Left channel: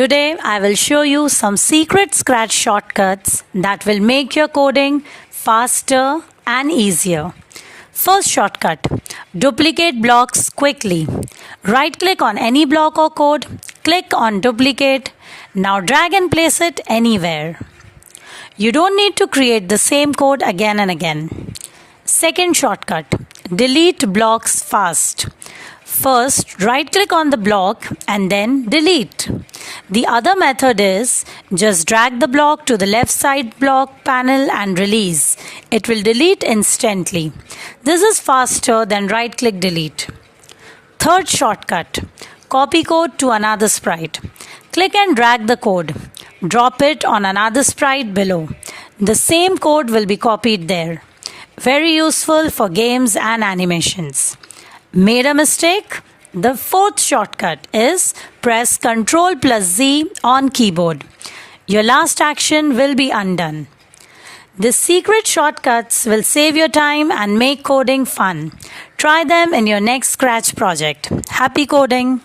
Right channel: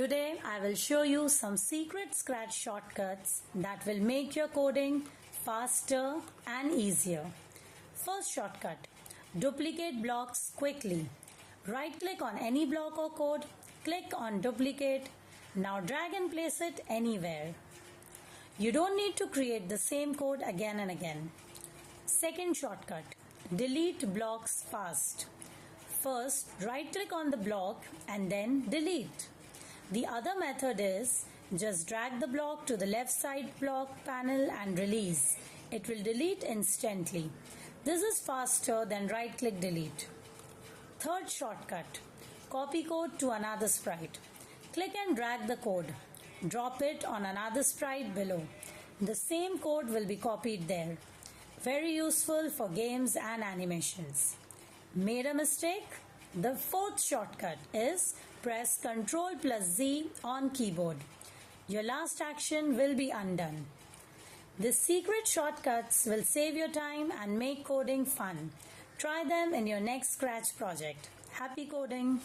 Today I will show you some secret Scratch shortcuts that will make your coding faster and easier. First shortcut, duplicate blocks quickly. Right click on any block or code, click on duplicate. Now drag and place it anywhere. You don't need to create the same code again and again. Second shortcut, delete blocks fast. First, right click on the block and then delete. The other method is just drag the block to the left side block panel and release. It will delete instantly. This is faster than right click delete. Third shortcut, copy code to another sprite. Click and drag the code. Drop it on another sprite below. The same code will be copied there. Very useful for games and animations. Made a mistake? The fourth shortcut is press Ctrl+Z on keyboard. Your last action will be undone. These secret shortcuts will save your time and make coding fun. Try them in your next Scratch project. Happy coding!